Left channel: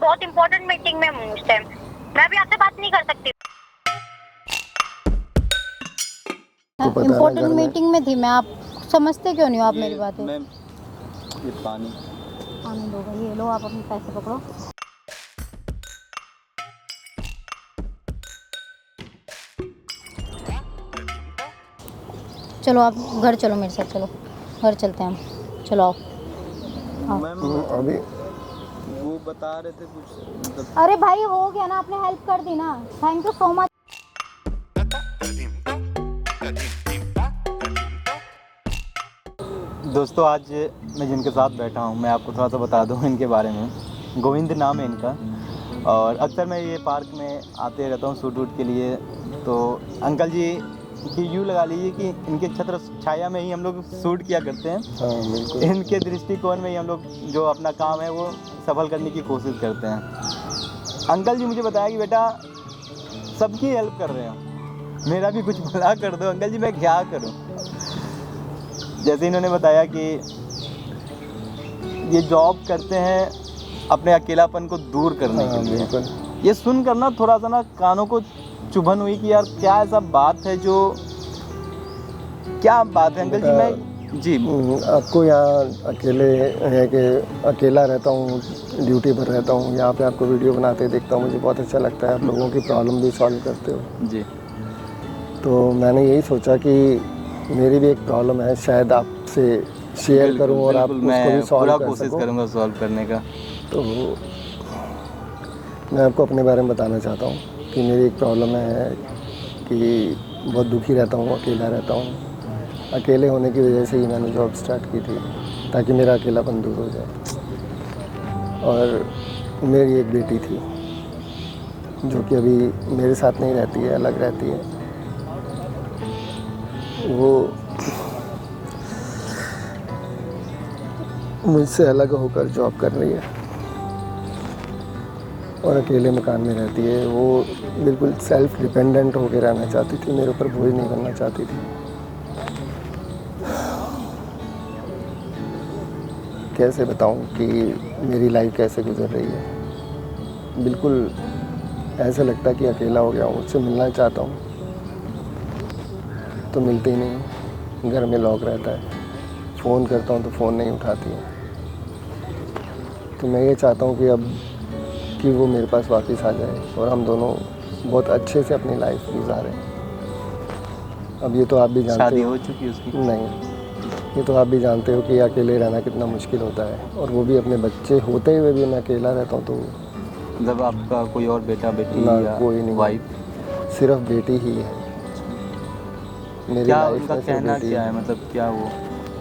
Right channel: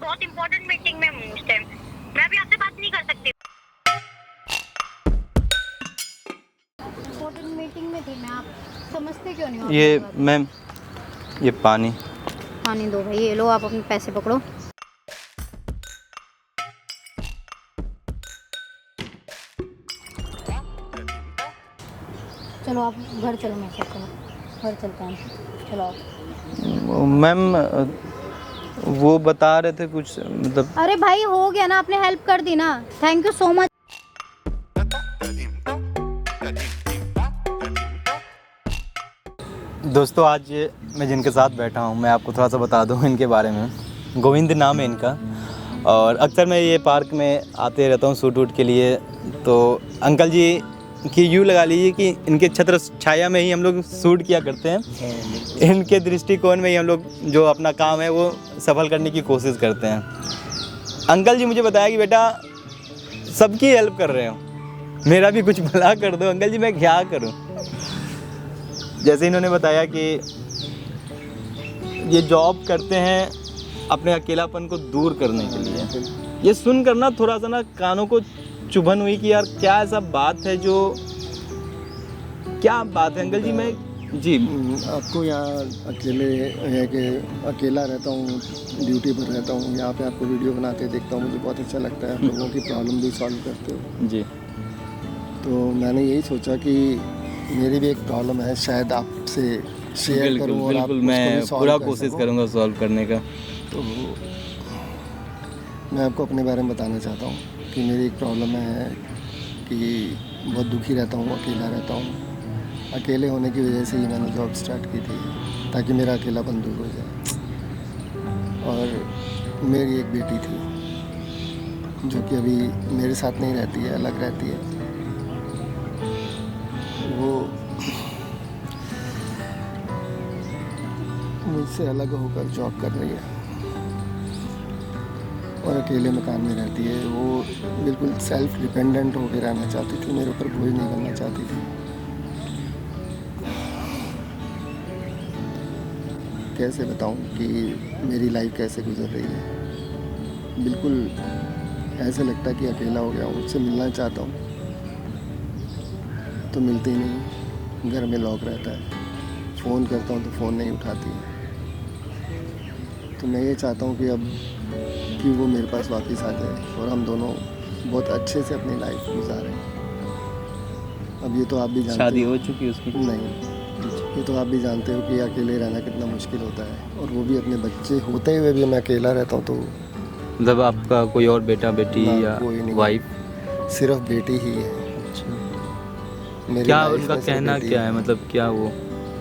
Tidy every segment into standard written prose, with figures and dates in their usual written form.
बहुत important meeting में हूँ उस टाइम, मैं अभी आपसे बात नहीं कर सकती। इम्पोर्टेंट मीटिंग में थी मैं, आप समझते क्यों नहीं हो आप मेरी बात? मैम ये पानी दो भाई, ये लो आप अपने पैसे पकड़ो। चलो आप घर चलो, मेरे साथ चलो, घर चलते हैं हम, चलो आओ। मैम वो बता रहे थे कुछ मतलब। अरे भाई हो गया ना, आपने हेल्प कर दी ना, थैंक यू सो मच। दोस्तों आज मैं जिनके साथ बैठा हूँ मैं आपको थोड़ा सा बता दूँ इनके बारे में। गोविंद नाम है इनका, और अक्सर मैं ये पार्क में आते रहता हूँ शूट वूट के लिए। तो अंकल जी की यूँ लगा लीजिए कि इनके छत्र छाया में ही हम लोग शूट किया करते हैं। इनके दृष्टिकोण में ही हम लोग जो अपना काम है वो सफल करने की कोशिश करते हैं। अंकल जी मुझे बताया कि बेटा सबकी हेल्प कर रहे हो, मेरा भी कुछ भला कर दो। अंकल जी मैं क्या करूं? जैसे इन्होंने बताया कि ये जॉब करते हैं अपने अकेलापन को दूर करने के लिए। ये सुनकर ना थोड़ा सा ना कानों को चुभन हुई कि यार क्या ऐसा बात है जो, क्या बात है अंकल जी? मैं जी आपको यहाँ अकेले है कि अकेला रहता हूँ, ड्यूटी पर रहता हूँ, यहाँ पे आपको वीडियो बनाते देखता हूँ, मुझे बहुत अच्छा लगता है। आप लोगों की प्रॉब्लम भी सॉल्व करते हो जी। तो मैंने यही सोचा कि मेरी भी एक प्रॉब्लम है, शायद आपसे शेयर करूँ और आप उसको भी सॉल्व कर कोशिश सको। करूँगा सॉल्व करने का। तो मैं आपको अपने बारे में बताना चाहता हूँ कि मेरी एक प्रॉब्लम है कि बहुत दुखी रहता हूँ, अकेला रहता हूँ। अकेले होने की वजह से ही मैंने जॉब स्टार्ट की थी ताकि मेरा अकेलापन दूर हो जाए। और मेरी एक बेटी थी जो कि अभी मेरे साथ नहीं रहती है, अलग रहती है। वो मुझसे अलग होकर जॉब कर रही है और अकेले मकान में रहती है। वो बिल्कुल सेल्फ डिपेंडेंट होकर रहना चाहती थी, मेरे ऊपर बोझ नहीं बनना चाहती थी। कैसे बताऊं कि मेरी लाइफ कैसे गुजर रही है। बिल्कुल ऐसे लगता कि अकेला हो गया हूँ, उससे मिलना चाहता हूँ तो मिलते ही नहीं, घर में लॉक रहता है। फ़ोन करता हूँ तो फ़ोन नहीं उठाती है। तो मैं ये चाहता हूँ कि अब कि वो मेरे पास वापस आ जाए और हम दोनों बहुत अच्छे से अपनी लाइफ गुजारें। अब ये तो आप भी जानते हो, शादी हो चुकी है उसकी? नहीं, ये तो आप भी जानते हो कि अकेले रहना कितना मुश्किल होता है, और वो भी अपने बच्चे होते हुए भी मैं अकेला रहता हूँ। तो मतलब आपका कोई और बेटा बेटी ना, या कोई नहीं, वाइफ? सिर्फ बेटी ही है मेरी क्या लाइफ उनका में। सिर्फ कहना बेटी क्या है। है, मतलब क्या वो?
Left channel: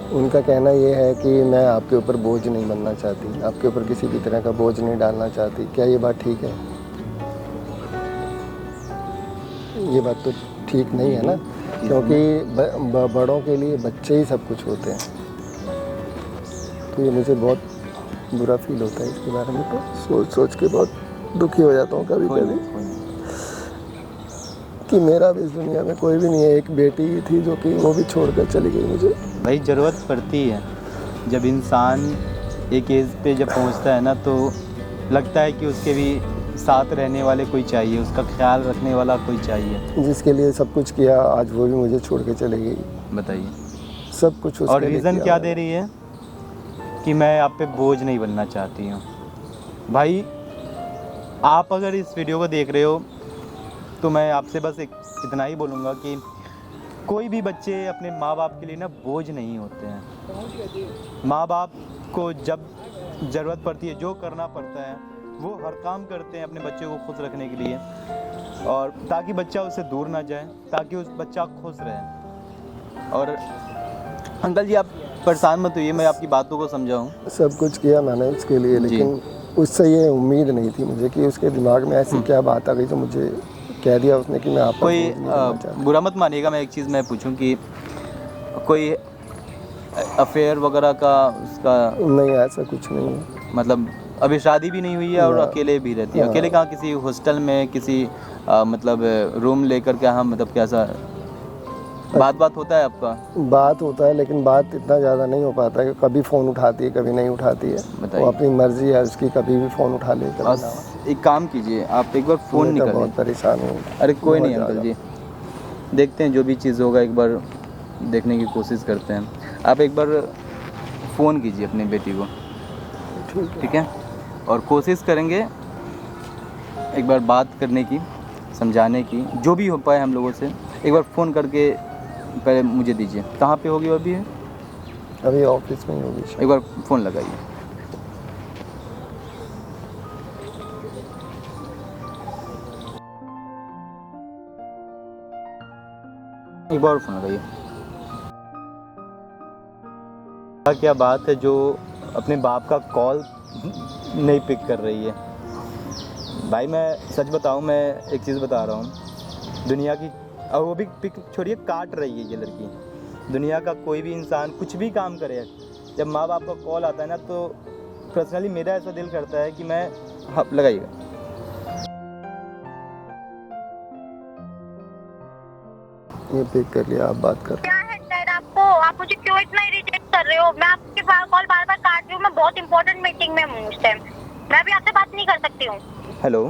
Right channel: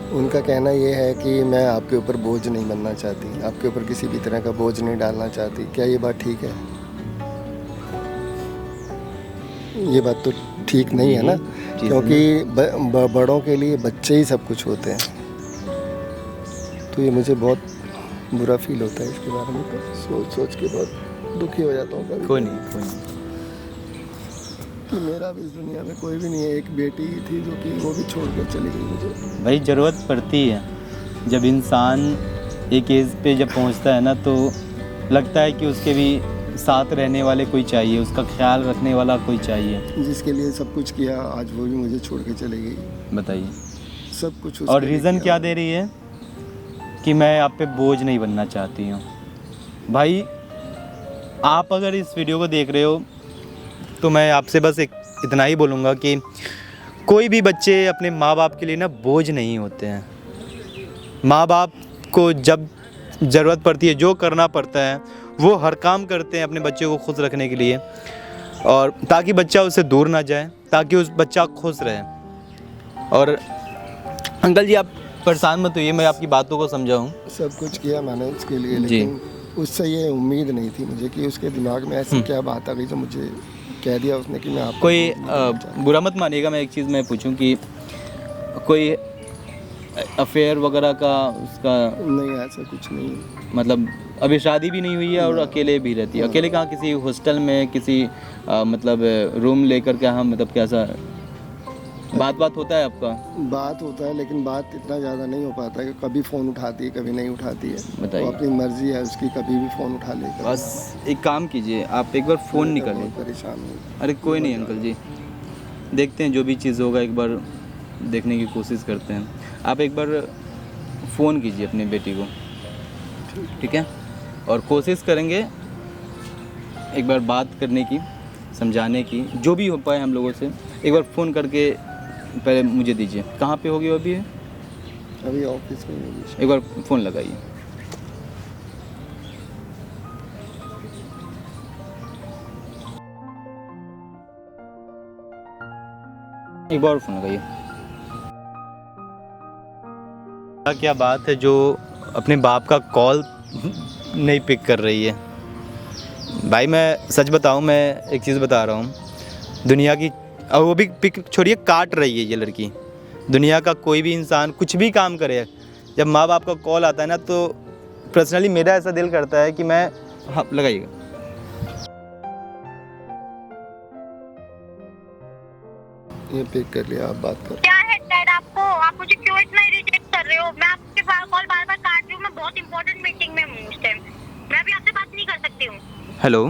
उनका कहना ये है कि मैं आपके ऊपर बोझ नहीं बनना चाहती, आपके ऊपर किसी भी तरह का बोझ नहीं डालना चाहती। क्या ये बात ठीक है? ये बात तो ठीक नहीं है ना, क्योंकि बड़ों के लिए बच्चे ही सब कुछ होते हैं। तो ये मुझे बहुत बुरा फील होता है इसके बारे में, तो सोच के बहुत दुखी हो जाता हूँ कभी कभी कि मेरा भी इस दुनिया में कोई भी नहीं है। एक बेटी ही थी जो कि वो भी छोड़कर चली गई मुझे। भाई ज़रूरत पड़ती है जब इंसान एक एज पे जब पहुंचता है ना, तो लगता है कि उसके भी साथ रहने वाले कोई चाहिए, उसका ख्याल रखने वाला कोई चाहिए। जिसके लिए सब कुछ किया, आज वो भी मुझे छोड़ के चली गई। बताइए सब कुछ उसके और लिए रीज़न किया। क्या दे रही है कि मैं आप पे बोझ नहीं बनना चाहती हूँ। भाई आप अगर इस वीडियो को देख रहे हो तो मैं आपसे बस इतना ही बोलूँगा कि कोई भी बच्चे अपने माँ बाप के लिए ना बोझ नहीं होते हैं। माँ बाप को जब ज़रूरत पड़ती है, जो करना पड़ता है वो हर काम करते हैं अपने बच्चे को खुश रखने के लिए, और ताकि बच्चा उससे दूर ना जाए, ताकि उस बच्चा खुश रहे। और अंकल जी आप परेशान मत होइए, मैं आपकी बातों को समझाऊँ। सब कुछ किया मैंने उसके लिए, लेकिन उससे ये उम्मीद नहीं थी मुझे कि उसके दिमाग में ऐसी क्या बात आ गई जो मुझे कह दिया उसने कि मैं आप कोई बुरा मत मानिएगा, मैं एक चीज़ मैं पूछूं कि कोई अफेयर वगैरह का उसका? नहीं, ऐसा कुछ नहीं है। मतलब अभी शादी भी नहीं हुई है और अकेले भी रहती है? अकेले कहाँ, किसी हॉस्टल में, किसी मतलब रूम लेकर के? हाँ मतलब कैसा? बात होता है आपका? बात होता है, लेकिन बात इतना ज़्यादा नहीं हो पाता है। कभी फ़ोन उठाती है, कभी नहीं उठाती है। बताइए। वो अपनी मर्जी है उसकी, कभी भी फ़ोन उठा ले। बस एक काम कीजिए, आप एक बार फ़ोन नहीं करें। बहुत परेशान हूँ। अरे कोई नहीं अंकल जी, देखते हैं जो भी चीज़ होगा, एक बार देखने की कोशिश करते हैं। आप एक बार फ़ोन कीजिए अपनी बेटी को, ठीक है? और कोशिश करेंगे एक बार बात करने की, समझाने की, जो भी हो पाए हम लोगों से। एक बार फ़ोन करके पहले मुझे दीजिए। कहाँ पे होगी अभी? अभी ऑफिस में ही होगी। एक बार फ़ोन लगाइए। एक बार फ़ोन लगाइए। क्या बात है जो अपने बाप का कॉल नहीं पिक कर रही है? भाई मैं सच बताऊं, मैं एक चीज़ बता रहा हूं, दुनिया की, और वो भी पिक छोड़िए, काट रही है ये लड़की। दुनिया का कोई भी इंसान कुछ भी काम करे, जब माँ बाप का कॉल आता है ना, तो पर्सनली मेरा ऐसा दिल करता है कि मैं, हाँ लगाइएगा। ये पिक कर लिया, आप बात कर। क्या है डैड आपको? आप मुझे क्यों इतना इरिटेट कर रहे हो? मैं आपके कॉल बार बार काट रही हूँ। मैं बहुत इंपॉर्टेंट मीटिंग में हूँ उस टाइम। मैं अभी आपसे बात नहीं कर सकती हूँ। हेलो।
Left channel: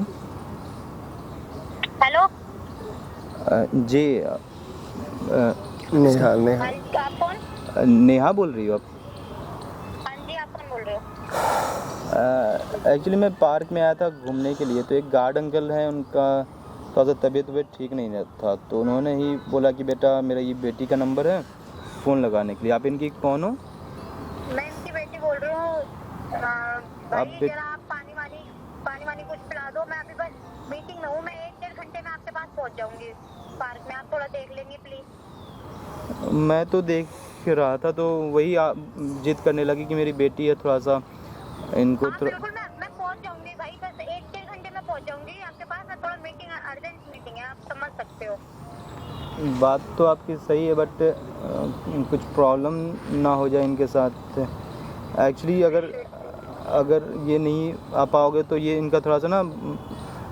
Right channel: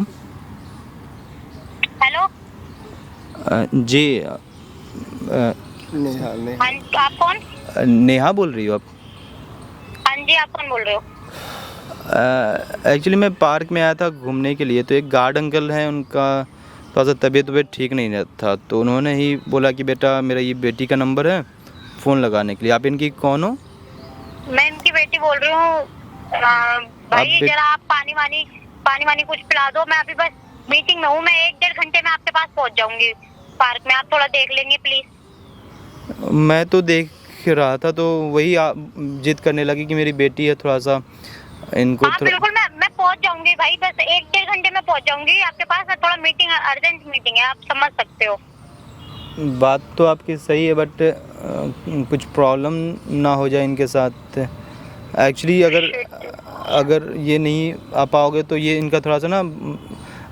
हेलो जी नेहा, नेहा। हाँ, आप कौन? नेहा बोल रही हो आप? हाँ जी, आप कौन बोल रहे हो? एक्चुअली मैं पार्क में आया था घूमने के लिए, तो एक गार्ड अंकल हैं, उनका थोड़ा सा तबीयत ठीक नहीं रहता था, तो उन्होंने ही बोला कि बेटा मेरा ये बेटी का नंबर है, फ़ोन लगाने के लिए। आप इनकी कौन हो? मैं इनकी बेटी बोल रही हूँ। भाई जरा आप पानी वानी कुछ पिला दो। मैं अभी बस मीटिंग में हूँ। मैं 1-1.5 घंटे में आपके पास पहुँच जाऊंगी पार्क में। आप थोड़ा देख लेंगे प्लीज। मैं तो देख रहा था, तो वही जिद करने लगी कि मेरी बेटी है, थोड़ा सा इनको हाँ बिल्कुल, मैं पहुँच जाऊंगी भाई। बस 1-1.5 घंटे में पहुँच जाऊंगी आपके पास। मैं थोड़ा मीटिंग, अर्जेंट मीटिंग है, आप समझ सकते हो। बात तो आपकी सही है, बट कुछ प्रॉब्लम ना हो जाए इनके साथ। एक्चुअली अगर ये नहीं आ पाओगे तो ये इनका थोड़ा सा ना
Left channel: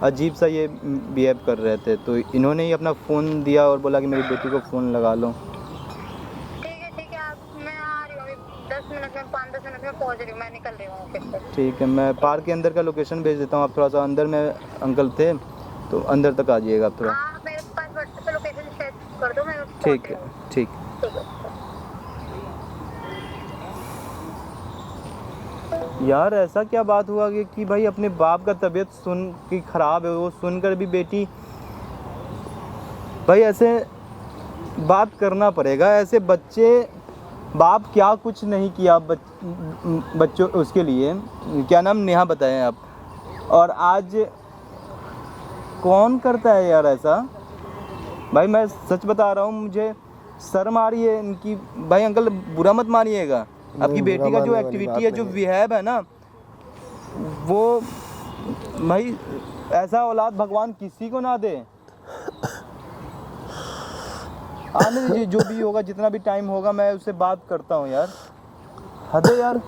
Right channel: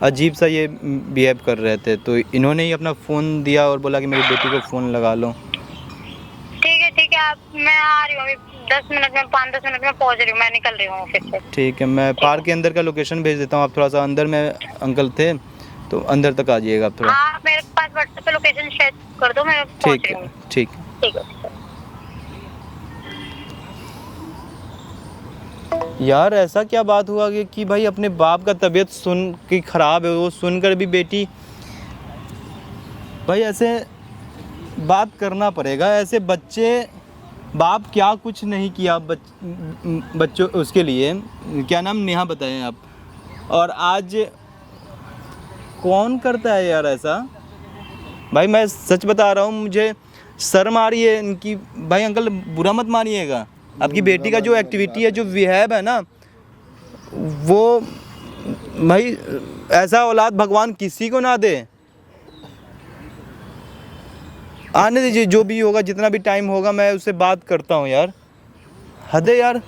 अजीब सा ये बिहेव कर रहे थे, तो इन्होंने ही अपना फ़ोन दिया और बोला कि मेरी बेटी को फ़ोन लगा लो। ठीक है आप, मैं आ रही हूँ अभी 10 मिनट में, 5-10 मिनट में पहुँच रही हूँ। मैं निकल रही हूँ ऑफिस से। ठीक है, मैं पार्क के अंदर का लोकेशन भेज देता हूँ। आप थोड़ा सा अंदर में अंकल थे, तो अंदर तक आ जाइएगा आप थोड़ा। हाँ, मेरे पास व्हाट्सएप पे लोकेशन शेयर कर दो, मैं पहुँच रही हूँ। ठीक। ठीक है। यार ऐसा क्या बात हुआ कि भाई अपने बाप का तबीयत सुन के ख़राब है, वो सुनकर भी बेटी, भाई ऐसे बात करना पड़ेगा। ऐसे बच्चे, बाप क्या कुछ नहीं किया बच्चों उसके लिए। क्या नाम नेहा बताएं आप? और आज कौन करता है यार ऐसा? भाई मैं सच बता रहा हूँ, मुझे शर्म आ रही है इनकी। भाई अंकल बुरा मत मानिएगा, आपकी बेटी का जो एक्टिविटी है, जो बिहेव है ना, वो भाई ऐसा औलाद भगवान किसी को ना दे। आने दीजिए, जो भी होगा, जितना भी टाइम होगा, मैं उससे बात करता हूँ यार। हद है यार।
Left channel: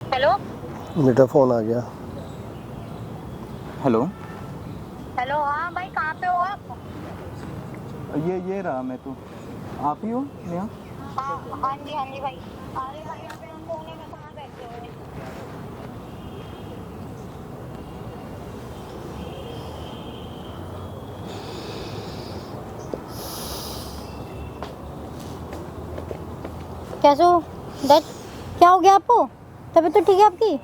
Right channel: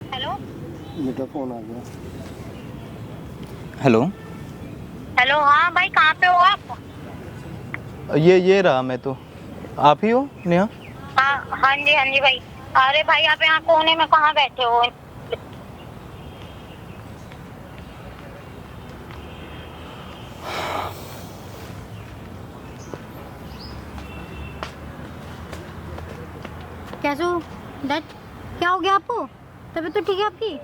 हेलो बेटा फ़ोन आ गया। हेलो। हेलो, हाँ भाई कहाँ पे हो आप? ये रहा मैं तो। आप ही हो नेहा? हाँ जी भाई। अरे भाई आप यहाँ कोने में कहाँ बैठे हो? कैसे हो डैड? क्या हो गया आपको? तबीयत तो ठीक है आपकी?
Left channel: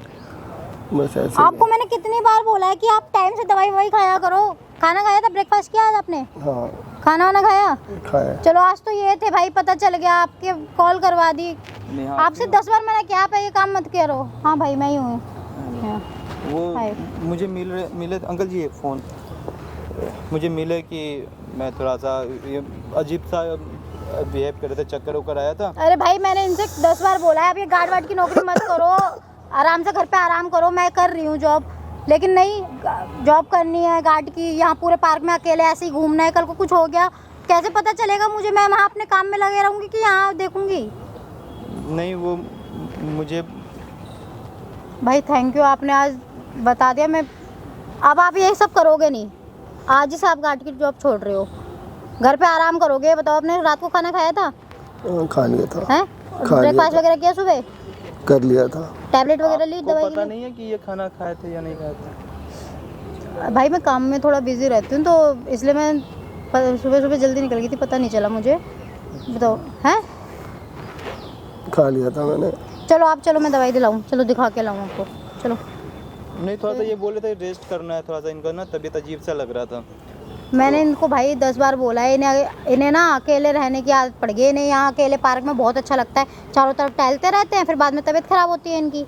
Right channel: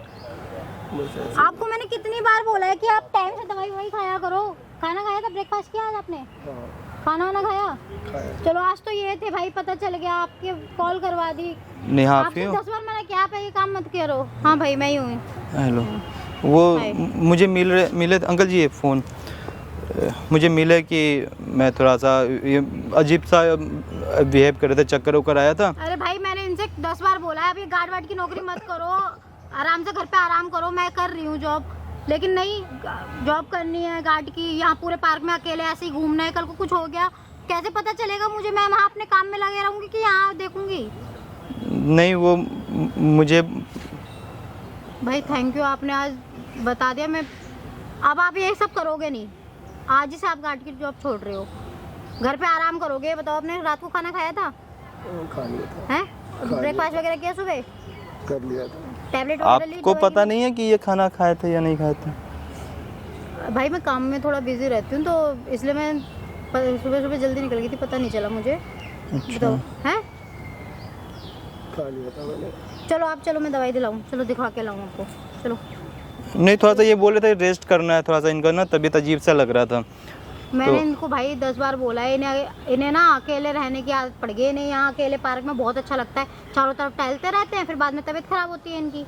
बस ऐसे। आपको मैंने कितनी बार बोला है कि आप टाइम से दवाई वही खाया करो। खाना खाया था? ब्रेकफास्ट किया आज आपने? हाँ खाना वाना खाया? खाया। चलो आज तो ये थे भाई, पता चल गया, आपके कॉल करवा दी। नेहा आपसे 10 बार मैंने क्या आप ये काम मत करो। हाँ भाई मैं ही हूँ। हेलो। हाँ। वो हाय। मुझे मिले अंकल जी, ये फ़ोन मुझे मिले कि मैं थोड़ा सा ये अजीब सा बिहेव कर रहे थे, चक्कर वक्कर आया था। अरे भाई मैंने इनसे 10 बार बोला है अब ये गार्ड वार्ड की नौकरी मत करो, आराम से घर पे आराम करो। मैं कर रही हूँ जॉब, लेकिन नहीं, जॉब करनी है गार्ड की। यहाँ पूरे पार्क में अकेले ऐसे ही घूमना है। कल को कुछ हो गया कैसे पता चलेगा मुझे? मैं वहाँ अपने काम में लगे रहूँगी कि यहाँ देखूँगी? नहीं वो मुझे भाई थैंक यू, आपने आज बता दिया। मैं अब आप यही सब करोगे नहीं, आज ही से आप गार्ड की जॉब छोड़ रहे हो। घर पे आराम करोगे? बताओ, आपने रात को खाना खाया था? खा लिया था। हैं? खा लिया ब्रेकफास्ट था। वगैरह किया सुबह? कर लिया था। टैबलेट वगैरह ली? आपको दवाई पता ली? नहीं है कि ये खाना खाए थे या नहीं खाए थे? भाई मैं काम में थोड़ा बिजी रहती हूँ, तो इसलिए मैं सुबह सुबह जल्दी निकल गई थी, पता नहीं चला मुझे। बताओ। हैं? खा लिया था मैंने। चलो आप चलो, मैं दवाई दिलाऊँ, चलो दिखा के लाऊँ आपको, चलो। नहीं, थोड़ा सा ये बोल रहे थे रेस्ट करना है, थोड़ा सा इनका ना तबीयत अजीब सा लग रहा था। मैंने इनको भाई 10 बार बोला है, इन्हें ना अकेले रहने की आदत पड़ गई। इन्हें यहाँ अकेले पार्क में बहुत अच्छा लगता है, चारों तरफ टहलते रहते हैं, फिर बाद में तबीयत खराब होती है इनकी।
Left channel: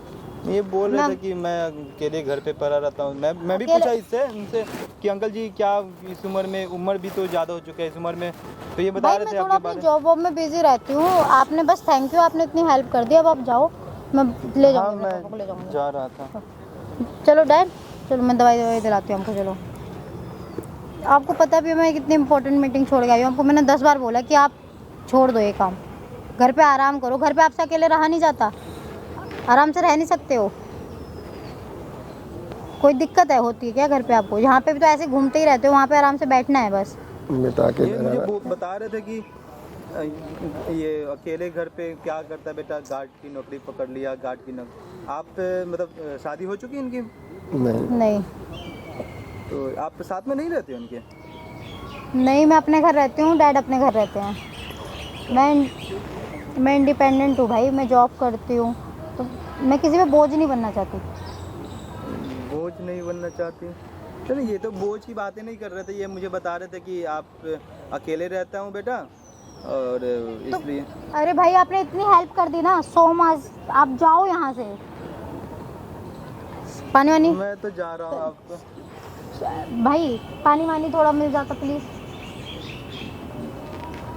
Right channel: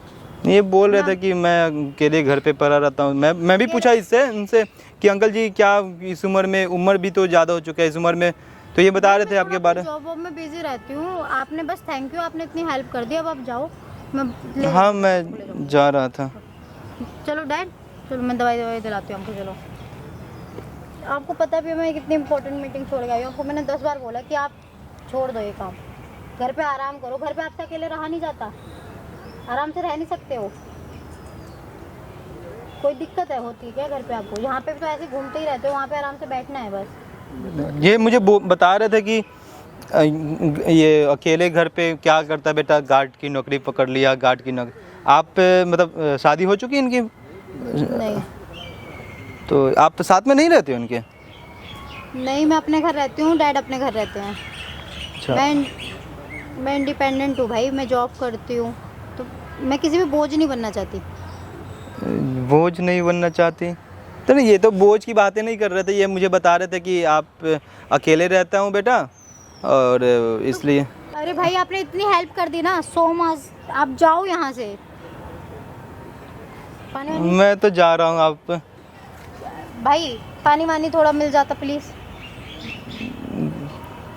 ये बोल रहे थे कि मैं अकेले घर पे पड़ा रहता हूँ। मैं भी पूछा इससे इनसे कि अंकल जी क्या इस उम्र में, उम्र भी तो ज़्यादा हो चुका है इस उम्र में, तो ये बता रहे थे आपके बारे में। जॉब वॉब में बिजी रहती हूँ, आपने बस थैंक यू, आपने इतनी हेल्प कर दी। अब आप जाओ, मैं ले हाँ, जाऊँगी, मैं ले जाऊँगी। जा रहा था। चलो डैड, चलो मैं दवाई दिलाती हूँ हमको, चलो। आपको पता भी है मैं कितनी इंपॉर्टेंट मीटिंग छोड़ गई हूँ। आपको मैंने 10 बार बोला कि आप छोड़ दो ये काम, घर पे आराम करो। घर पे आपसे अकेले रहा नहीं जाता, आराम से रह नहीं सकते हो? कोई दिक्कत है होती है क्या घर पे आपको? यहाँ पे भी तो ऐसे घूमते ही रहते हो, वहाँ पे आराम से बैठना है बस। ये मुझे बता रहे थे कि ये अकेले घर पे क्या करता है बेटा, गार्ड की नौकरी पकड़ लिया, गार्ड की नौकरी। आप मतलब शादी हो चुकी है इनकी? नहीं। तो आप तो साथ में नहीं रहते हो इनके? नहीं, मैं अपने घर रहती हूँ, डैड अपने घर रहते हैं। अच्छा। मैं इंडिपेंडेंट हूँ भाई, मैं जॉब करती हूँ, तो मैं किसी पे बोझ नहीं बनना चाहती। बोझ नहीं बनना चाहती? तो नहीं, ये तो बोझ की बातें नहीं कर रहे थे। ये मुझे बता रहे थे कि आप अकेले रहता हूँ बेटा, और इसलिए। अरे भाई आपने इतनी हेल्प कर दी ना, सो मच। आप जाओ यहाँ से। पानी वानी? मैं तो जा रहा हूँ। आप भाई पानी वानी थोड़ा मिल जाता प्लीज।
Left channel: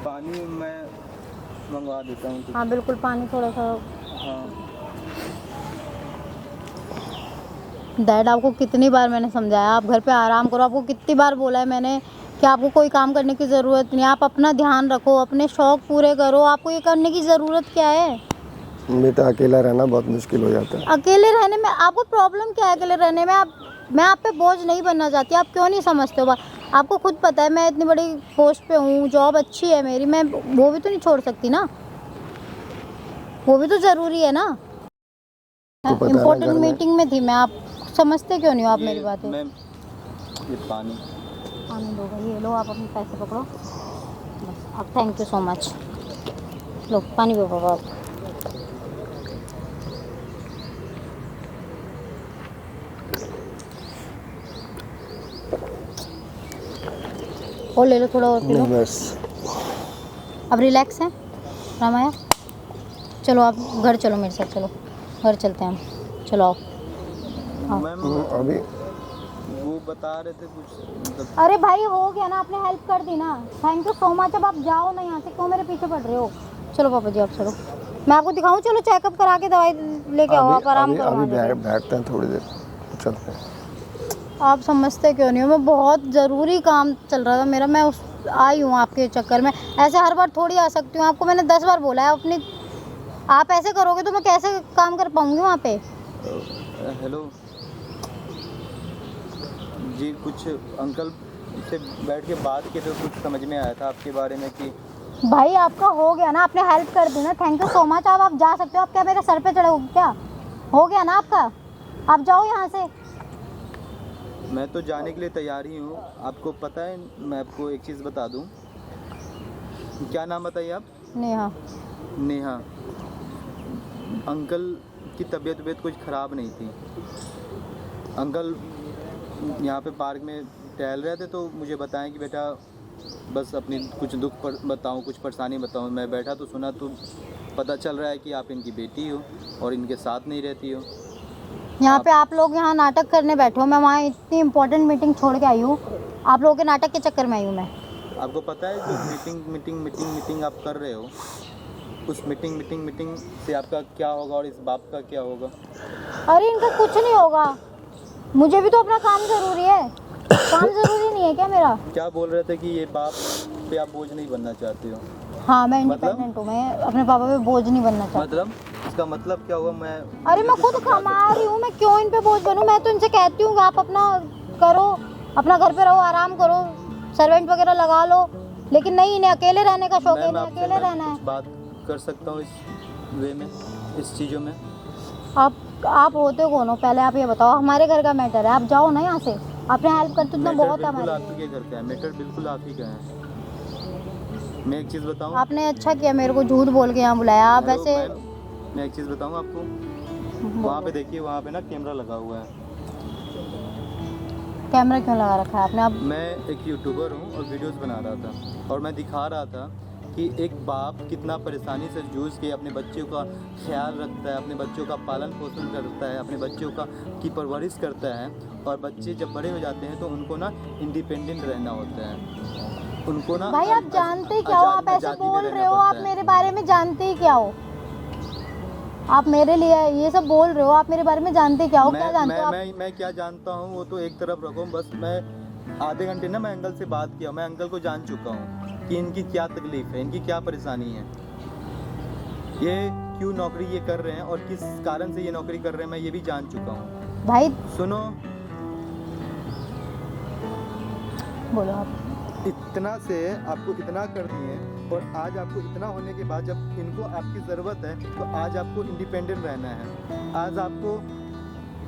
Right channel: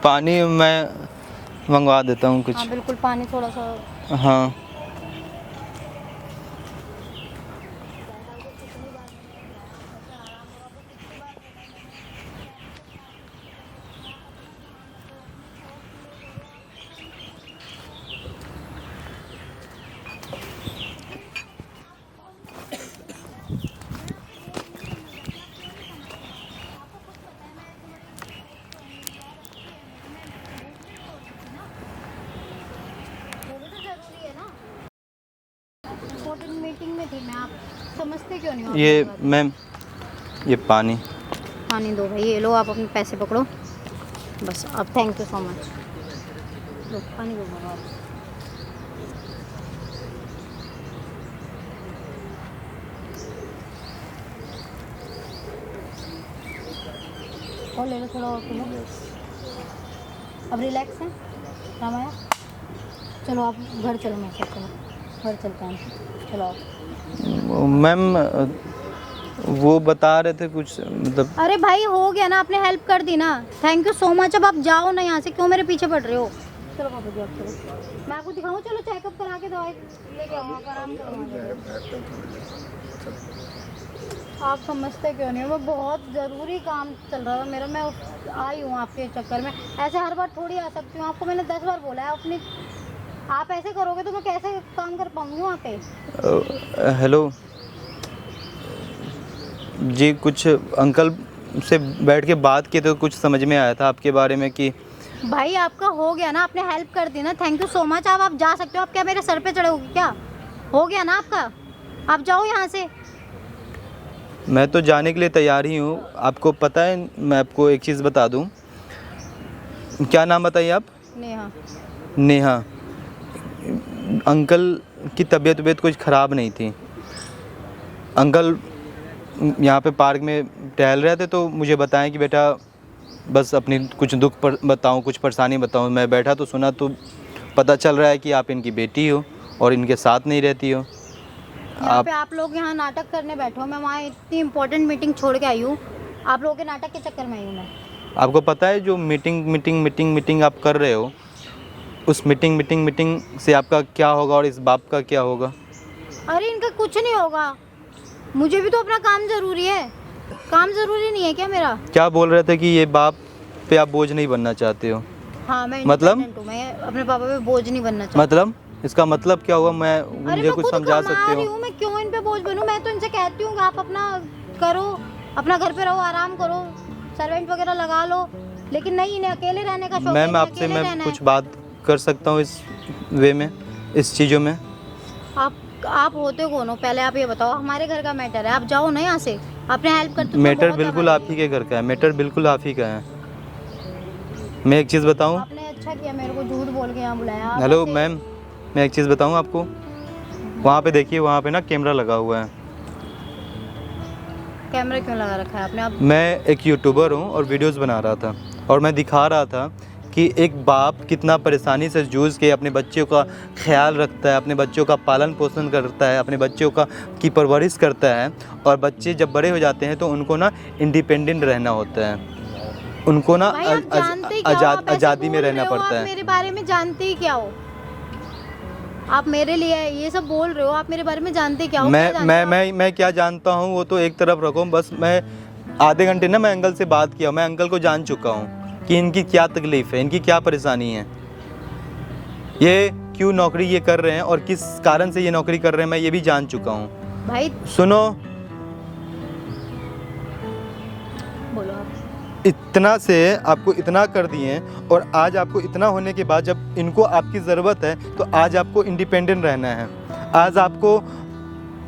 पानी मैं मंगवा देता हूँ कुछ। हाँ बिल्कुल, पानी थोड़ा सा। हाँ। डैड आपको कितनी बार मैंने समझाया आप घर पे आराम करो। आपको कितनी बार बोला है मैंने कि आपको कोई काम करने की ज़रूरत नहीं, आप अपना ध्यान रखो, अपने शौक पूरे करो। आपको ये करने की ज़रूरत क्या है? बेटा अकेला रहना बहुत मुश्किल हो जाता है। अकेले रहने में आपको प्रॉब्लम क्या है? अकेले रहने में मैं आप पे बोझ नहीं बनना चाहती। आप क्यों नहीं समझते हो? आपको खुद पता है मैं इतनी बड़ी पोस्ट पे हूँ, जॉब अच्छी है मेरी, मैं वो भी तो नहीं छोड़ सकती ना, वो भी तो ज़रूरी है ना। इम्पोर्टेंट मीटिंग में थी मैं, आप समझते क्यों नहीं हो? आप ये मेरी बात है। मैम, ये पानी दो भाई, ये लो, आप अपने पैसे पकड़ो बस। अब थैंक यू सो मच। लो पानी पकड़ो आप। और ले लो, थोड़ा और पी लो। बस अब रिलैक्स है रामाया? चलो आप घर चलो मेरे साथ, चलो घर चलते हैं हम, चलो आओ। मैम वो बता रहे थे कुछ, मतलब। अरे भाई हो गया ना, आपने हेल्प कर दी ना, थैंक यू सो मच। अब आप जाओ ना यहाँ से, क्यों मेरे पीछे पड़ रहे हो? चलो पापा जी आप चलो, मैं आपको दिखाऊं? चलो चेकअप करा के दवाई लेके आओ, आप आराम करो। अभी बैठते हैं थोड़ी देर, चलो। आप समझते क्यों नहीं हो? मैं बहुत ज़रूरी काम चल रहा था मेरा, मैं आई हूँ आपके चक्कर में। ऐसे हर बार थोड़ी आ सकती हूँ, आपको मैंने 10 बार बोला है। अपनी आप ऐसे करोगे तो मैं कैसे काम कर पाऊँगी वहाँ पे? हेलो जी, कुछ अंकल से बैठ के बात की तो कुछ समझ में आया था आपके बारे में कि। भाई आपका हो गया ना, आपने हेल्प कर दी ना, थैंक यू सो मच। आप जा सकते हो। आप क्या मेरे सर पे चढ़े हो क्या? हो गया ना आपका, आप जाओ यहाँ से। मैं तो जाने के लिए तैयार ही हूँ। आपको पता है, मैं आपको एक चीज़ बता दूँ। क्या नाम बताइए आप? नेहा। नेहा। अंकल की तबीयत कुछ ख़राब नहीं थी। अंकल यहाँ पे पार्क में टहल रहे थे तो मुझे बताएं कि बेटा बस अपनी कुछ दुख पर बताऊँ, कुछ परेशानी बताऊँ। मैं बैठा तो सुना, तो पता चल रहा है कि आप इनकी बेटी हो और इनके साथ नहीं रहती हो। यहाँ पे आप लोग यहाँ नाटक करने बैठे हो। मैं वहाँ इतनी इम्पोर्टेंट मीटिंग छोड़ के आई हूँ, आप लोगों के नाटक के चक्कर में आई हूँ मैं। आपको पता है जो मीटिंग आप कर रहे हो, उस मीटिंग से आपका क्या होगा और इस बाप का क्या होगा? अरे इनका कुछ नहीं होगा, मुझे भी तो अपना काम ज़रूरी है। काम ज़रूरी नहीं है क्या मेरा? क्या बोल रहे थे कि ये बाप पे आप बोझ नहीं बनना चाहते हो? हाँ मैं मतलब? independent हूँ, मैं अपने पापा पे बोझ नहीं बनना चाहती। मतलब इसका मतलब क्या हुआ? अरे मुझे मैं कुछ खुद समझा कमा सकते रही हो? हूँ, मैं क्यों इन पे बोझ बनूं? मैं तो इनसे कहती हूँ आप अपना करो, अपना घर पे रहो, आराम करो, सर्वेंट वगैरह लगा लो, लेकिन नहीं, इन्हें अकेले रहने का शौक है, मैम इन्हें आपसे अकेले मैं रहना है। कुछ बात कर सकता हूँ इस वे में, इस चीज़ों में? आप होते कौन हो पहले आप ये बताओ। हमारे घर का मैटर है, आप जाओ ना यहाँ से। आपने हेल्प करते तो मैटर बहुत है बिल्कुल हमारी। आप ही के घर का है, मैटर बिल्कुल आप ही का है। मैं एक चीज़ बताऊँ? आपने अच्छा किया मेरे को झूठ बोल के यहाँ बुलाया। आप हेलो ऐसे- मैम, मैं एक चीज़ बताऊँ आपको? वहाँ पे देखिए, वहाँ पे ना कैमरा लगा हुआ है। कैमरा क्यों लगा रखा है आपने? आप मैं एक यूट्यूबर हूँ और वीडियोस बना रहा था, और मैं दिखा रहा था कि एक बाप कितना परेशानी से जूझ के अपने बच्चों का ख्याल रखता है, अपने बच्चों का पालन पोषण करता है, अपने बच्चों की परवरिश करता है, और बच्चे जब बड़े हो जाते हैं तो उनको ना इंडिपेंडेंट रहना होता है, उनको ना भाई आप जानते क्या हो? आप ऐसे आज़ादी में बोल रहना रहे हो, पड़ता आप है। मेरे बारे में जानते ही क्या हो? आप मेरे लिए ये सब बोल रहे हो, आप मेरे बारे में जानते क्या हो? क्या जानते हो आप? मैं क्या जानता हूँ वो तो एक तरफ रखो, बस मैं आधे घंटे ना मैं अंकल से बात किया, मैं अंकल को जान चुका हूँ कि इनकी क्या तकलीफ है, इनकी क्या परेशानी है, ये क्यों नौकरी ये कर रहे हैं और किस कारण से ये नौकरी कर रहे हैं, मैं ये भी जान चुका हूँ। भाई सुनो, बोलो आप। इतना से आपको इतना कर दिए, और आज आपको इतना होने के बाद जब इनको आपकी ज़रूरत है तो आज आपको इंडिपेंडेंट रहना है, आज आपको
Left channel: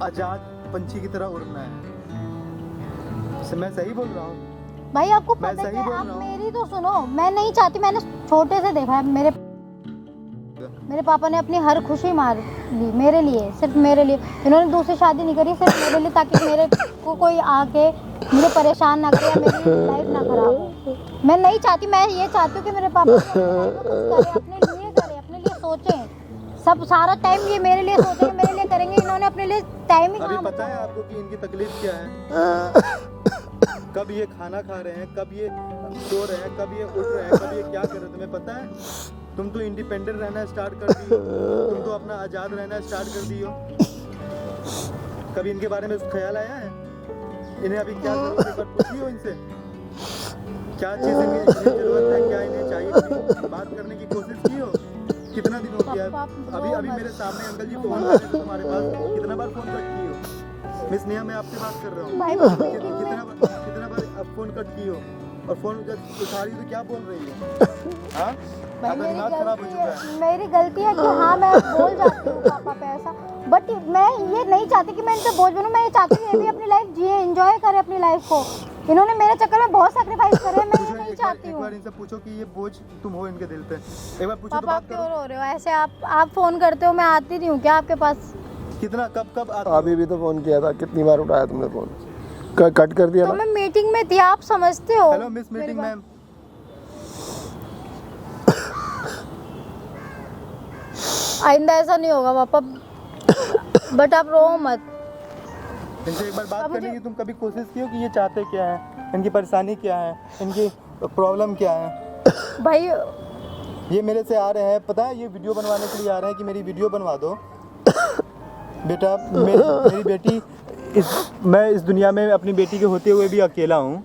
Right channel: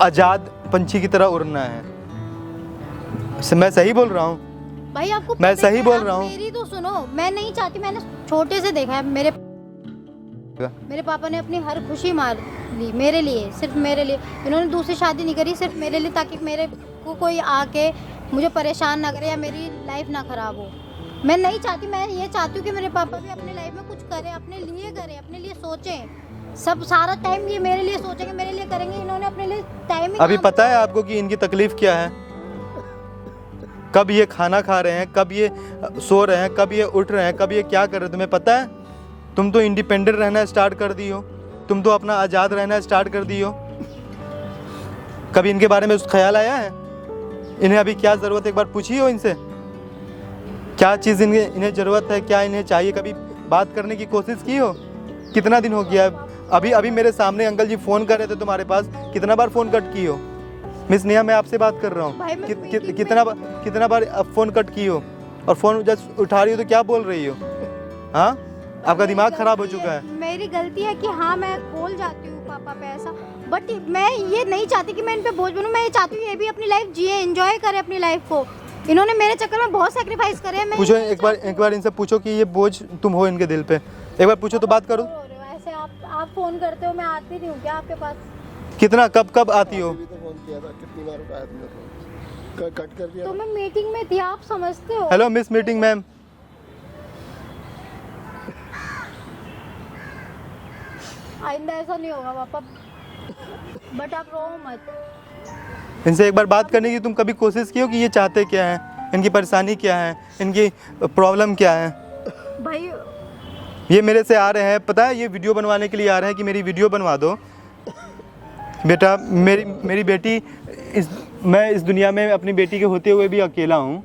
आज़ाद पंछी की तरह उड़ना है। मैं सही बोल रहा हूँ? भाई आपको मैं पता सही है, बोल आप रहा हूँ। मेरी तो सुनो, मैं नहीं चाहती, मैंने छोटे से देखा है, मेरे पापा ने अपनी हर खुशी मार ली मेरे लिए, सिर्फ मेरे लिए। उन्होंने दूसरी शादी नहीं करी, सिर्फ मेरे लिए, ताकि मेरे को कोई आके मुझे परेशान ना करे, मेरी लाइफ ना खराब हो। मैं नहीं चाहती, मैं ये चाहती हूँ कि मेरे पापा भी अपनी लाइफ में कुछ करें, अपने लिए करें, अपने लिए सोचें। सब सारा टाइम ये मेरे लिए सोचेंगे, मेरे लिए करेंगे, इन्होंने अपने लिए टाइम ही अभी कहाँ पता है आपको कि इनकी तकलीफ क्या है? कब ये खाना खा रहे हैं, कब ये सो रहे हैं, कब ये उठ रहे हैं, कब ये क्या कर रहे हैं, तुम्हें पता है? तुम तो इंडिपेंडेंट रहना स्टार्ट कर दी हो, तुम तो अपना आज़ाद रहना स्टार्ट कर दी हो। कभी इनके बारे में उस ख्याल आया है? इन्हें अभी क्या ज़रूरत है, एक बार पूछी हो इनसे, क्या चीज़ इन्हें ज़रूरत है, क्या इन्हें चाहिए? कभी बात करने की कोशिश की हो? कितना दिन हो गया है? अभी मेरे सामने अंकल जी फ़ोन कर रहे थे तुम्हारे पास, कितना बार फ़ोन कट की हो? मिस नेहा, मैं आपसे बात कर रहा हूँ, कितना बार फ़ोन कट की हो, और फ़ोन जब उठा रही हो तो क्या बोल रही हो? हाँ, आपका दिमाग खराब हो चुका है। मेरी गलती है कि हाँ मैं बोल जाती हूँ पापा पे ऐसा, बट मैं ये नहीं चाहती कि मैं इन पे बोझ बनूं। मैं ये चाहती हूँ ये भी अपनी लाइफ जिए, एंजॉय करे अपनी लाइफ को। इन्होंने मेरे चक्कर में बहुत सैक्रिफाइस करे हैं। पूछो एक बार इनसे पूछो कि ये बोझ तुम हो इनके दिल पे, एक बार पूछो तो बात करो। रो रहे हो ऐसे, आप फोन करते हो, मैं आती नहीं हूँ क्या आपके पास? कितना कब आती अभी हो? भी तो फ़ोन किया था, कितनी बार उठाया तुमने फ़ोन? कट कर दिया तो ना? मैं मीटिंग में थी, आप समझते हो। हेलो मिस मीटिंग मैम, आइंदा ऐसा नहीं होगा पापा, बट आप रो मत। इनसे एक बार बात करने की तुम कभी कोशिश की हो कि ये चाहते क्या है, इनकी परेशानी क्या है, इनकी प्रॉब्लम क्या है? भाई ये मेरे से आ रहे हैं, पता है, ये वीडियो बनवाने के लिए आ रहे हैं कि मेरी वीडियो बनवा दो। बेटा, मेरी बेटी, मैं इस दुनिया में अपनी बेटी के होते हुए भी अकेला हूँ।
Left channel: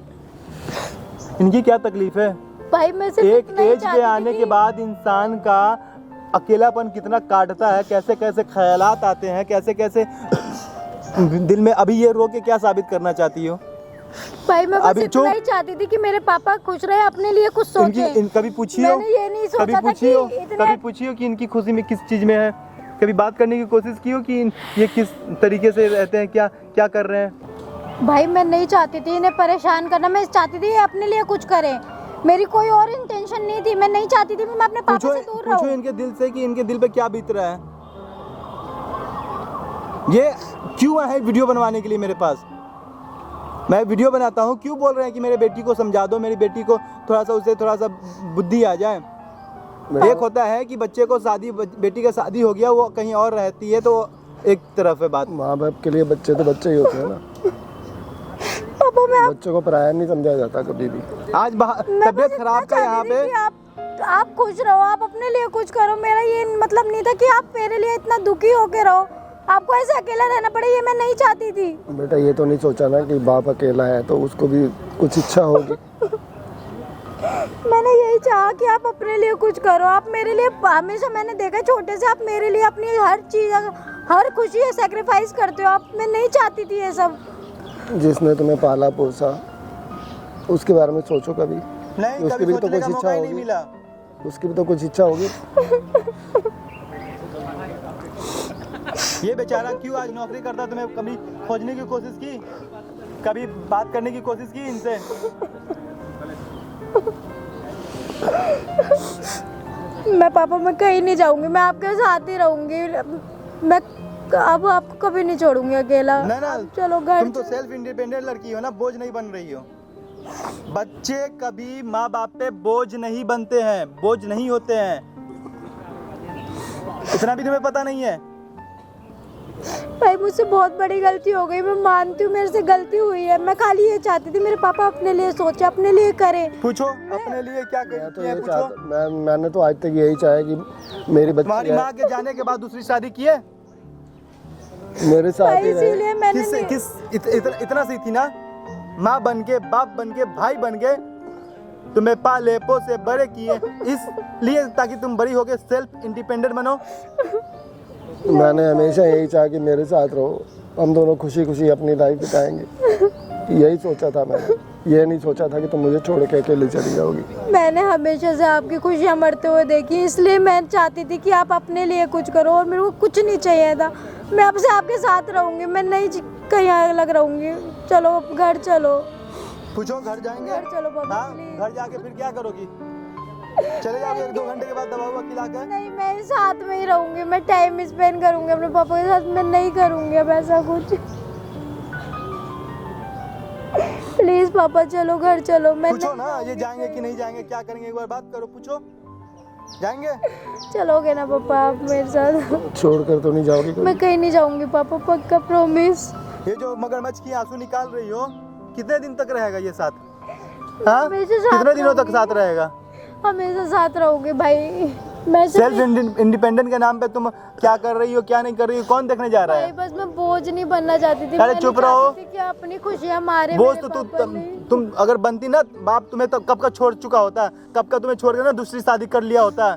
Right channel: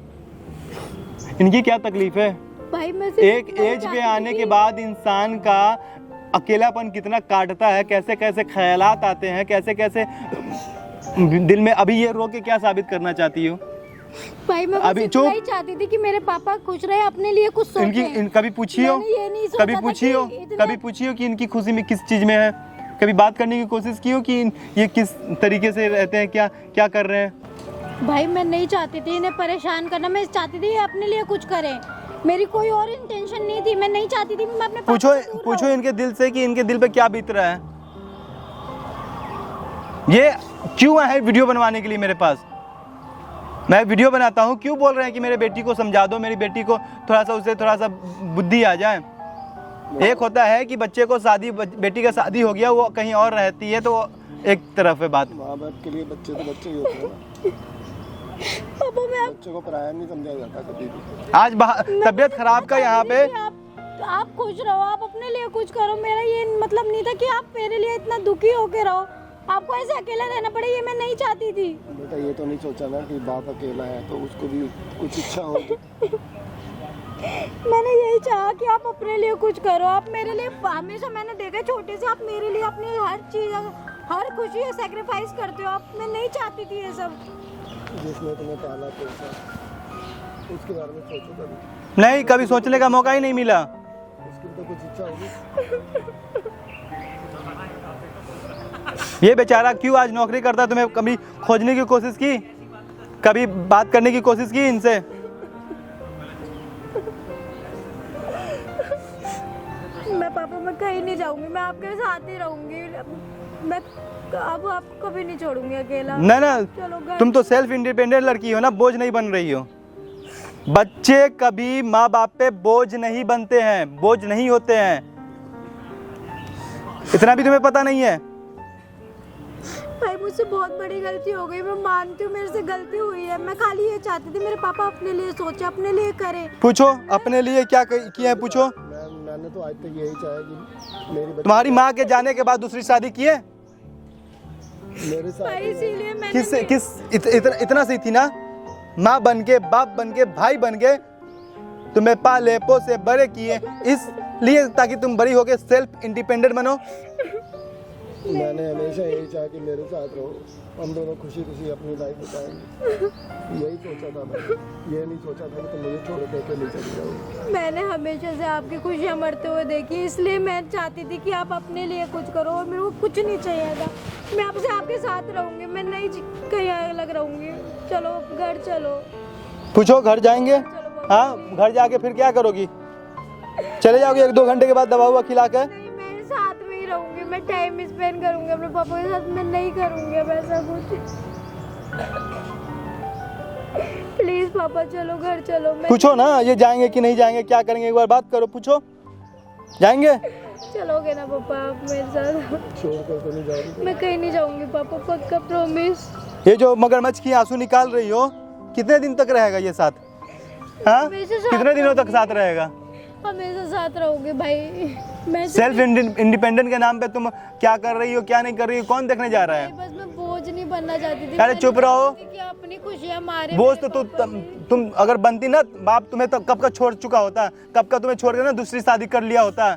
इनकी क्या तकलीफ है? भाई मैं सिर्फ एक इतना ही एज पे चाहती आने थी। के बाद इंसान का अकेलापन कितना काटता है, कैसे कैसे ख्यालात आते हैं, कैसे कैसे दिल में। अभी ये रो के क्या साबित करना चाहती हो? भाई मैं अभी बस चुप। इतना ही चाहती थी कि मेरे पापा खुश रहे, अपने लिए कुछ सोचें। कभी पूछी हो? मैंने ये नहीं सोचा कभी था पूछी कि हो? इतना- कभी पूछी हो कि इनकी खुशी में किस चीज़ में है? कभी बात करने की कोशिश की हो कि ये किस तरीके से रहते हैं, क्या कर रहे हैं? भाई मैं नहीं चाहती थी इन्हें परेशान करना, मैं चाहती थी ये अपने लिए कुछ करें। मेरी कोई और इंटेंशन नहीं थी, मैं नहीं चाहती थी मैं अपने पापा से दूर पूछो रहूं। इनके दिल से कि इनके दिल पे क्या बीत रहा है। ये क्यों आए वीडियो बनवाने के लिए मेरे पास? मैं वीडियो बनाता हूँ, क्यों बोल रहे हैं कि मेरे बेटी को समझा दो, मेरी बेटी को थोड़ा सा बुद्धि आ जाए। एक होता है कि बच्चे को बेटी का शादी हो गया, वो कहीं और रहती है, तो एक तरफ है बात। माँ बाप के लिए बच्चे तो बच्चे ही होते हैं ना। पापा मैं बच्चों को पराया नहीं समझा जाता कभी भी। आज तबीयत खराब का यहाँ पे। आप खुश रहो, आप अपने लिए कुछ करो। मेरा ये मतलब नहीं था कि आप मेरे लिए इतना दुखी होके रहो, आपको ऐसे अकेला रहना पड़े, ये मैं नहीं चाहती थी। बेटा ये तो नहीं सोचा ना कि बाप अकेला है तो उसको भी कुछ इच्छा होगी। मैंने यही चाहा कि आप अपने लिए कुछ करो। आप मेरे लिए हमेशा, मैंने देखा छोटे से आप मेरे लिए अपनी हर चीज़, हर खुशी सैक्रिफाइस करते हो आप। मैं नहीं चाहती थी ये सब। जिसने तुम्हें पाला पोसा उसके बारे में सोचो कभी। नहीं, कभी उसकी भी तो सोचने का कुछ मौका ही इच्छा नहीं होगी। मिला। उसकी भी तो कुछ इच्छा होगी। ये बेचारा क्यों आज नौकरी करता है? तुम्हें कभी खोजने की कोशिश की, कभी बात करने की कोशिश की इनसे? मैं कहीं नहीं जाऊंगी, मैं आपके साथ ही रहूंगी। मैं अब आपको कभी नहीं छोड़ूंगी अकेला। ना ना, चलो घर। तुम तो सेल्फ इंडिपेंडेंट लड़की हो ना, बोझ नहीं बन रही हो। बच्चे कभी माँ बाप पे बोझ नहीं बनते हैं, बोझ नहीं होते हैं, इतना भी तुम्हें पता नहीं है? भाई मुझसे बहुत बड़ी गलती हो गई, मैं मानती हूँ मेरे से गलती हुई है। मैं खाली ये चाहती थी मेरे पापा अपने लिए सोचे, अपने लिए करें। पूछो अपने लिए क्या किया है, पूछो। मैंने तो आज तक यही चाहा कि मेरी बच्ची तुम्हारी माँ के जाने के बाद दूसरी शादी की है? मेरे साथ भाई ही रहे। इसीलिए मैंने इतना सी थी ना, माँ बन के, बाप बन के, भाई बन के तुम्हें पाले पोसे बड़े किए, इसलिए ताकि तुम बड़ी होके सेल्फ इंडिपेंडेंट बनो। मैंने हमेशा यही चाहा कि मेरे साथ रहो, हम दोनों खुशी खुशी अपनी लाइफ बिताएंगे, यही सोचा था मैंने। ये नहीं सोचा था कि तुम मुझे छोड़ के अकेले चली जाओगी। मैंने हमेशा से आपकी खुशियाँ मरते हुए देखी, इसलिए मैं चाहती थी कि आप अपने लिए कुछ करो, और मेरे को कुछ नहीं चाहिए था। मैं आपसे आपके साथ रहूंगी, मैं नहीं कहीं अलग रहूंगी। चलो घर चलो। पूछो घर जाएंगे? चलो बाबा। हाँ, घर जाके फिर क्या करोगी? चले जाओगे 1-2 घंटे के बाद दवा हुआ खिला कर? नहीं, मैं साथ में ही रहूंगी, मैं टाइम स्पेंड करूंगी अपने पापा के साथ। मैं नहीं करूंगी अब ऐसा कुछ। प्लीज पापा चलो घर चलो। मैं पूछो ना, ये जाएंगे कि नहीं जाएंगे, क्या करेंगे, एक बार बात करो, पूछो। जाएंगे? चलोगे ना पापा आप मेरे साथ? छोड़कर तो नहीं जाओगी तुम? मैं कहीं नहीं जाऊंगी पापा, पक्का प्रॉमिस। ये जो मगरमच्छ की आंसू निकाल रही हो, कितने दिन तक रहेगा ये साथ? हाँ, हमेशा साथ कितने दिनों तक साथ रहेगा? हमेशा साथ रहोगे भाई। मैं सेल्फ इंडिपेंडेंट के नाम पे तुम क्या कर रही हो, क्या नहीं कर रही हो, कौन देखने जा रहा भाई है? बस मैं बोझ नहीं बनना चाहती थी। अरे मैं चुप नहीं रहो। चाहती थी कि अपनी खुशियाँ मारे बोझ मेरे तो पापा ने। तुम अगर बनती ना, बाप तुम्हें तो कब का छोड़ चुका होता, कब का तुम्हें छोड़ के ना दूसरी शादी कर लिया होता।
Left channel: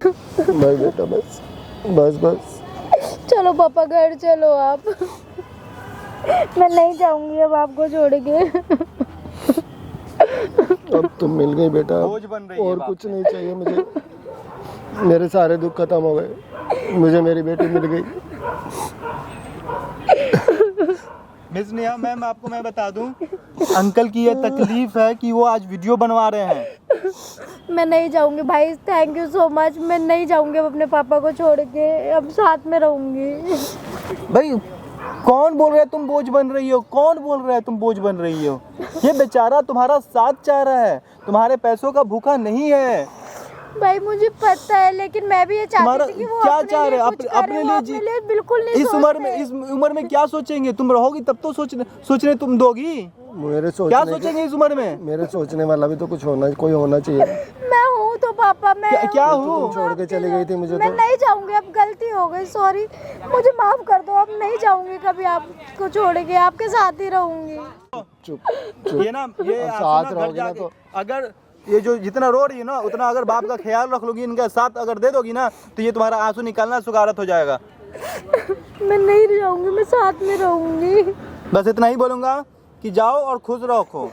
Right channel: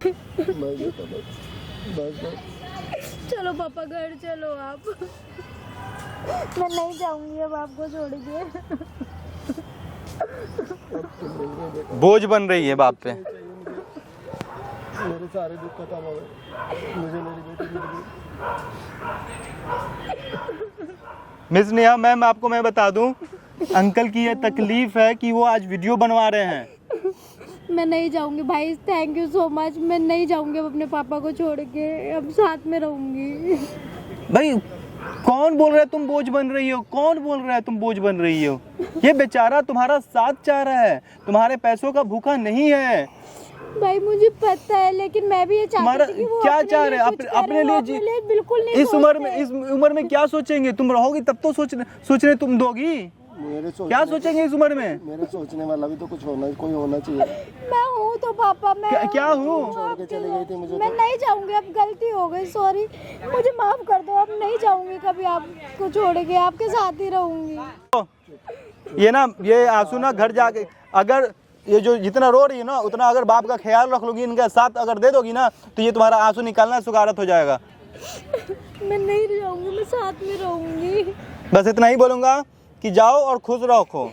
बस बेटा, बस बस बस। चलो पापा घर चलो आप। मैं नहीं जाऊंगी अब आपको छोड़ के। अब तुम मिल गई बेटा, बोझ बन रही है और बाप कुछ से। नहीं चाहिए मुझे। मेरे सारे दुख खत्म हो गए, मुझे मेरी बेटी मिल गई। मिस नेहा मैम, आपको मैं बता दूं, अंकल की ये तकलीफ है कि वो आज वीडियो बनवा रहे हैं। मैं नहीं जाऊंगी भाई, थैंक यू सो मच। मैं नहीं जाऊंगी अब अपने पापा को छोड़ के, अब साथ में रहूंगी। भाई कौन बोल रहा है तुम बोझ बन रही हो? कौन बोल रहा है तुम बोझ बन रही हो? ये बेचारा तुम्हारा साथ चाह रहा है, तुम्हारे पैसों का भूखा नहीं है। भाई मुझे पता है, लेकिन मैं भी ये तुम्हारा चाहती थी कि वो क्या अपने चाह लिए रहे हैं? कुछ अपने करे, लिए वो जी, अपने लिए बिल्कुल नहीं इस उम्र में क्या सोचेंगे? तुम रहोगी तब तो सोचने तुम दोगी। मेरे क्या सोचेंगे इस उम्र में? मेरे सोचने वाला भी तो कुछ कोई होना चाहिए। मैं हूँ तो पापा, मैं क्या हूँ? छोड़ के चली गई थी मुझे मैं तो। नहीं जाऊंगी, अब गलती हो गई, सॉरी, मुझे माफ कर दो। अब नहीं जाऊंगी कभी आपको छोड़ के, आपके साथ ही रहूंगी। चुप। ये ना, ये आंसू ना साथ घर जाके, रहोगे अगर ये जो जितना रो रही हो ना, उतना अगर बाप का ख्याल रख लोगी, इनका साथ अगर दे दोगी ना, तो ये तुम्हारा आंसू निकालना सुगारत हो जाएगा। मैं नहीं जाऊंगी, मैं साथ में रहूंगी। बस इतना ही बोलूंगा कि जाओ और खुश रखो।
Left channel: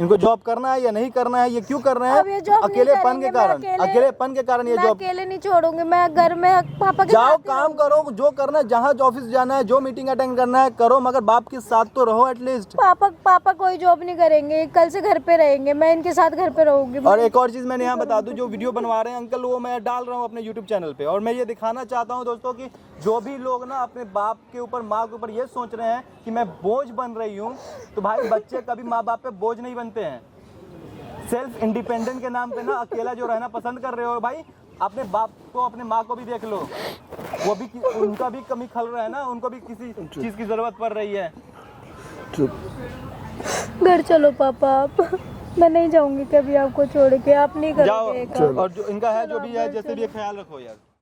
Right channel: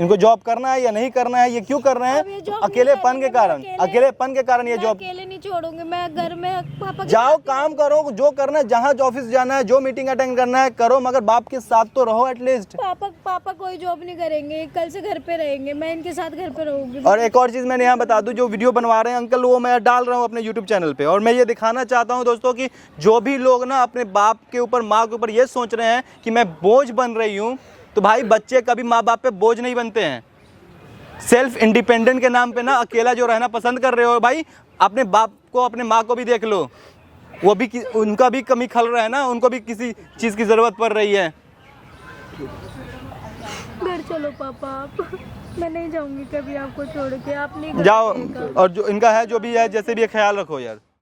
इनको जॉब करना है या नहीं करना है, ये क्यों कर रहे अब ये हैं? जॉब नहीं अकेलेपन करेंगे, के कारण, मैं अकेलेपन के कारण ये मैं जॉब। अकेले नहीं छोड़ूंगी, मैं घर में पापा के जाओ साथ ही काम करो, जो करना है, जहाँ ऑफिस जाना है, जो मीटिंग अटेंड करना है करो, मगर बाप के साथ तो रहो एटलीस्ट। पापा कोई जॉब नहीं करेंगे, कल से घर पे रहेंगे, मैं इनके साथ घर पे रहूंगी। और एक और चीज़ मैंने यहाँ बता दूं, जो वीडियो बनवा रहे हैं अंकल, वो मैं डाल रहा हूँ अपने यूट्यूब चैनल पे, और मैं ये दिखाना चाहता हूँ दोस्तों कि जो भी लोग ना अपने बाप के ऊपर, माँ के ऊपर ये सोच रहे हैं कि मैं बोझ बन रही हूँ, तो भाई बच्चे कभी माँ बाप पे बोझ नहीं बनते हैं। सेल्फ इंडिपेंडेंट के नाम पे ना अकेला जो रहना पसंद कर रहे हो भाई, अपने बाप को, अपने माँ को भी देख लो, वो भी उनका भी कमी खल रहा है ना, उनको भी किसी चीज़ की ज़रूरत पड़ रही है। चुप। घर चलो पापा आप। मैं नहीं जाऊंगी कभी आपको छोड़ के, आप नहीं जाओ, करोगे। और जो इनका है, जो भी है, जैसे भी है, ख्याल रखो यार।